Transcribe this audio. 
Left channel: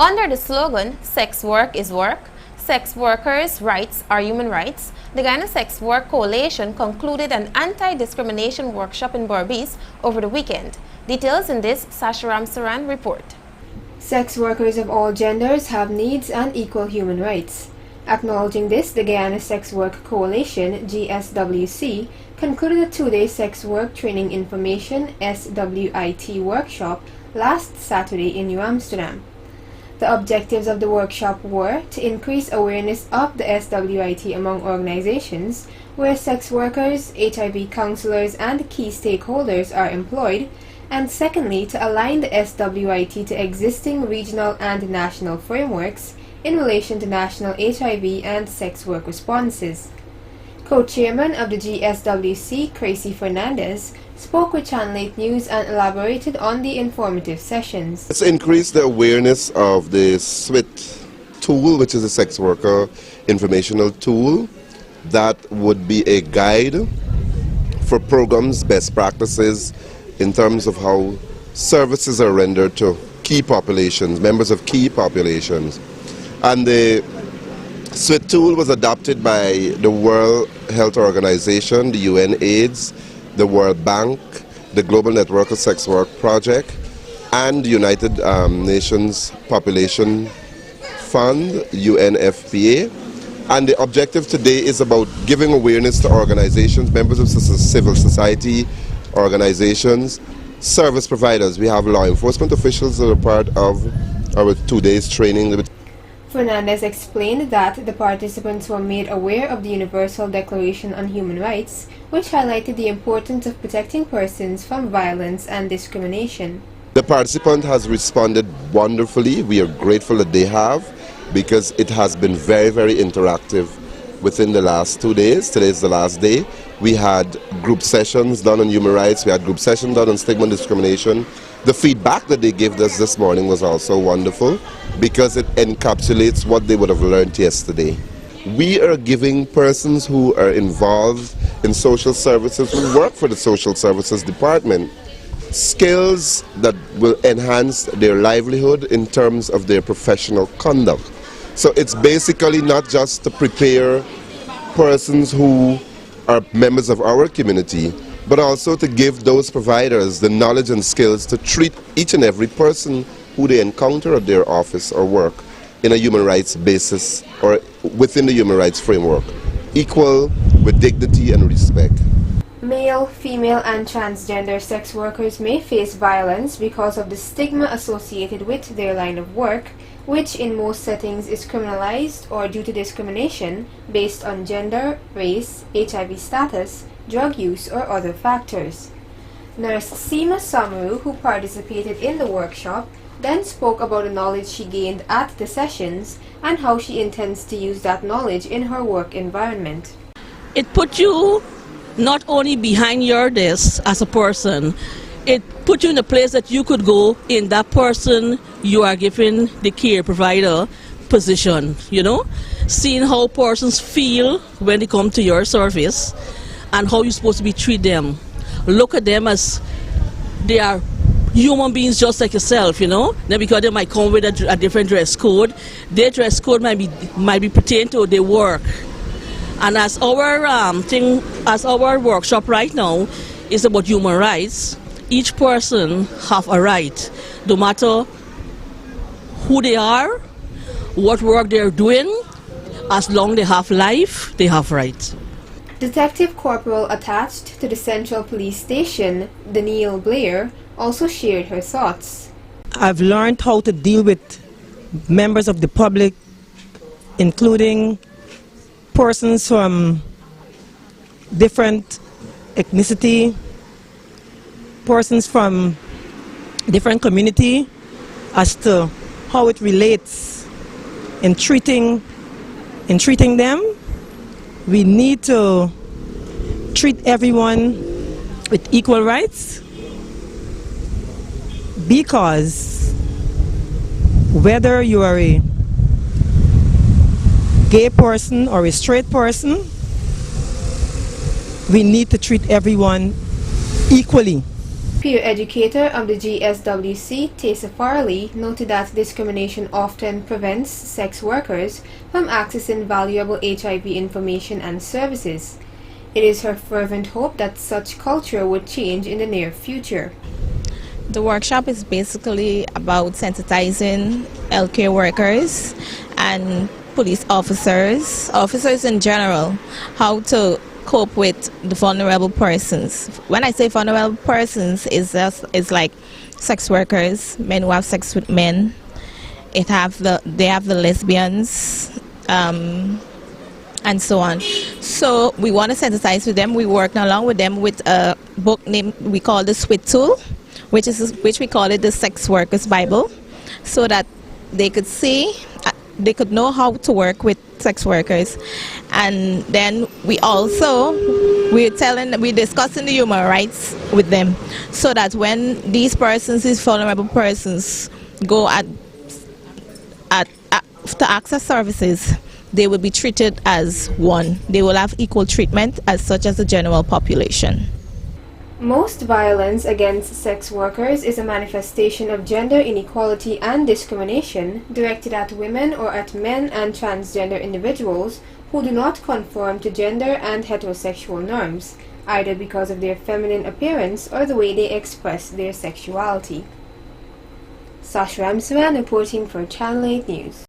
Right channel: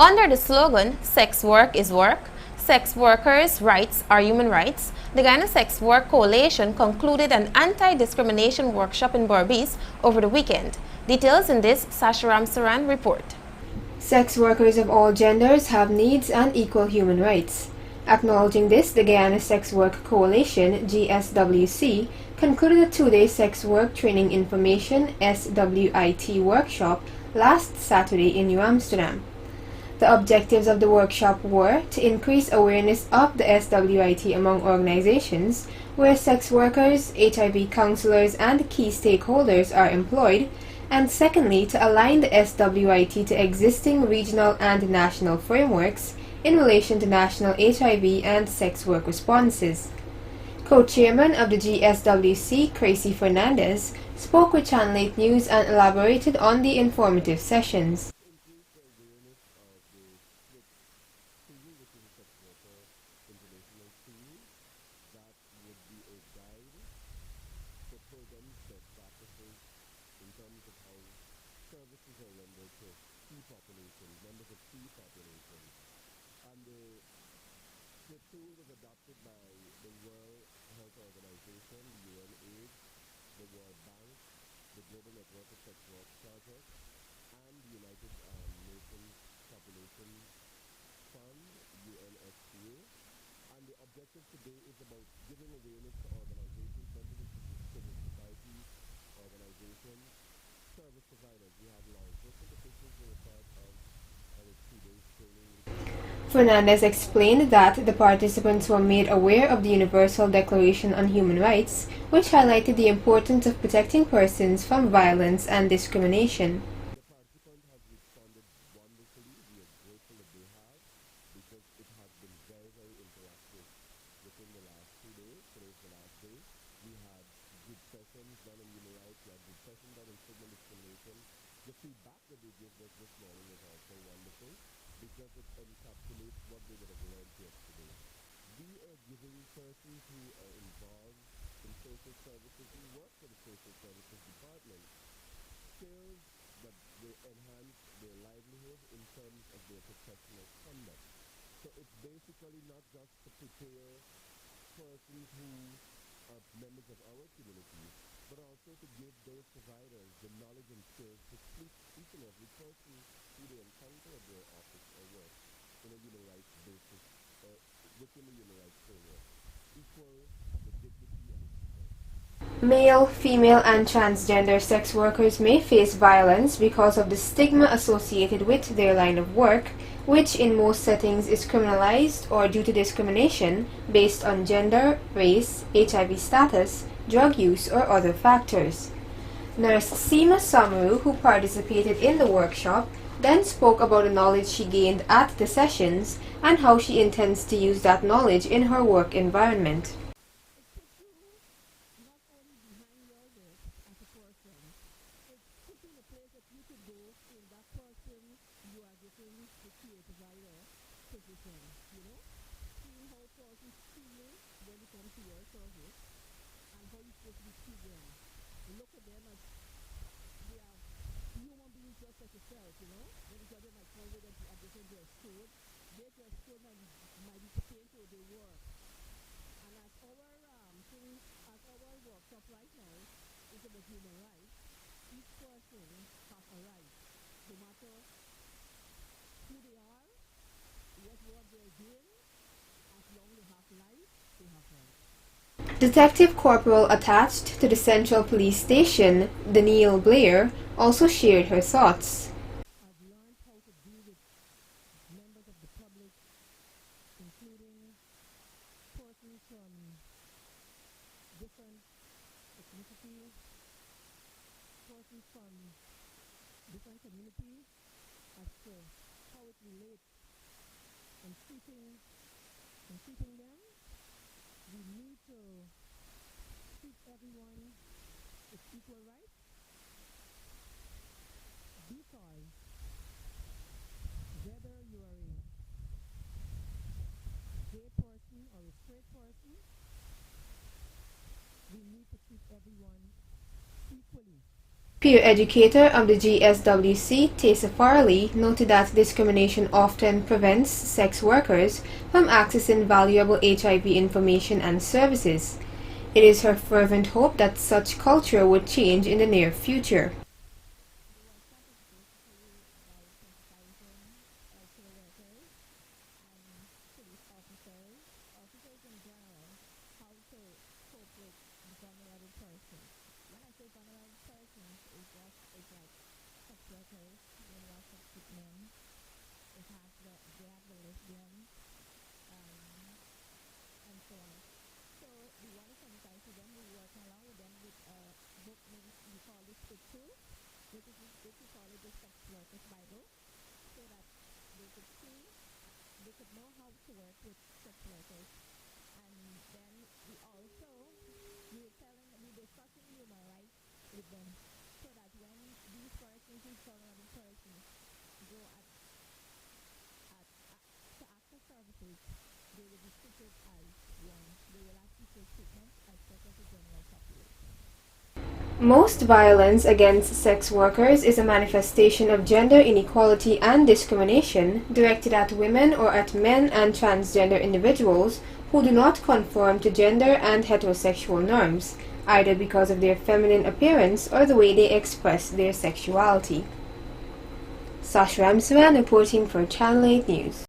Under the slogan, "Sex work is work, sex workers' rights are human rights," the Guyana Sex Work Coalition concluded an anti-discrimination workshop in Berbice over the weekend. Details in this Sasharam Saran report. Sex workers of all genders have needs and equal human rights. Acknowledging this, the Guyana Sex Work Coalition, GSWC, concluded a two-day sex work training information SWIT workshop last Saturday in New Amsterdam. The objectives of the workshop were to increase awareness of the SWIT among organizations where sex workers, HIV counselors, and key stakeholders are employed, and secondly, to align the SWIT to existing regional and national frameworks in relation to national HIV and sex work responses. Co-chairman of the GSWC, Tracy Fernandez, spoke with Channel 8 News and elaborated on the informative sessions. Let's increase the awareness of the SWIT tool, which is a sex worker informational tool that would be a guide for programs, best practices in terms of how services are rendered to key populations, members of key populations. And the SWIT tool was adopted by the World Health Organization, the UNAIDS, the World Bank, the Global Network of Sex Work Project, and the United Nations Population Fund, UNFPA. And the objective today is about giving awareness to organizations, members of civil society organizations, service providers. We have law enforcement officials that are part of our 2 days training. Fernandez explained that the participants were made aware of the Universal Declaration on Human Rights, which highlighted the importance of protecting persons from violence and discrimination. The participant has responded wonderfully. We are grateful that they have, because it has been very, very interactive within the last 2 days. Today is the last day. We had group sessions done on human rights. We had group sessions done on stigma and discrimination. The feedback that they gave us this morning was also wonderful because it encapsulates what they would have learned yesterday. We are giving persons who are involved in social services, who work for the social services department, skills that will enhance their livelihood in terms of their professional conduct. So it's basically not just to prepare persons who are members of our community, but also to give those providers the knowledge and skills to treat each and every person who they encounter at their office or work in a human rights basis or within the human rights framework, equal with dignity and respect. Male, female, and transgender sex workers may face violence because of the stigma associated with their line of work, which in most settings is criminalized or due to discrimination based on gender, race, HIV status, drug use, or other factors. Nurse Seema Samaru, who participated in the workshop, then spoke about the knowledge she gained at the sessions and how she intends to use that knowledge in her work environment. It put you not only behind your desk as a person, it put you in a place that you could go in that person you are giving the care provider position, you know, seeing how persons feel when they come to your service and how you're supposed to be treat them. Look at them as they are human beings just like yourself, you know. Then because they might come with a different dress code, their dress code might be pertain to their work. And as our workshop right now is about human rights, each person have a right, no matter who they are, what work they're doing, as long as they have life, they have rights. Detective Corporal attached to the Central Police Station, Danielle Blair, also shared her thoughts. I've learned how to deal with members of the public, including persons from different ethnicity, persons from different community, as to how it relates in treating them. We need to treat everyone with equal rights, because whether you are a gay person or a straight person, we need to treat everyone equally. Peer educator of the GSWC, Tessa Farley, noted that discrimination often prevents sex workers from accessing valuable HIV information and services. It is her fervent hope that such culture would change in the near future. The workshop is basically about sensitizing healthcare workers and police officers in general, how to cope with the vulnerable persons. When I say vulnerable persons, it's like sex workers, men who have sex with men. They have the lesbians, and so on. So we want to sensitize with them. We work along with them with a book named, we call the SWIT tool, which we call it the Sex Workers Bible, so that they could see, they could know how to work with sex workers. And then we're discussing the human rights with them, so that when these persons, these vulnerable persons, go to access services, they will be treated as one. They will have equal treatment as such as the general population. Most violence against sex workers is a manifestation of gender inequality and discrimination directed at women or at men and transgender individuals who do not conform to gender and heterosexual norms, either because of their feminine appearance or the way they express their sexuality. Sasha Ramsman reporting for Channel 8 News.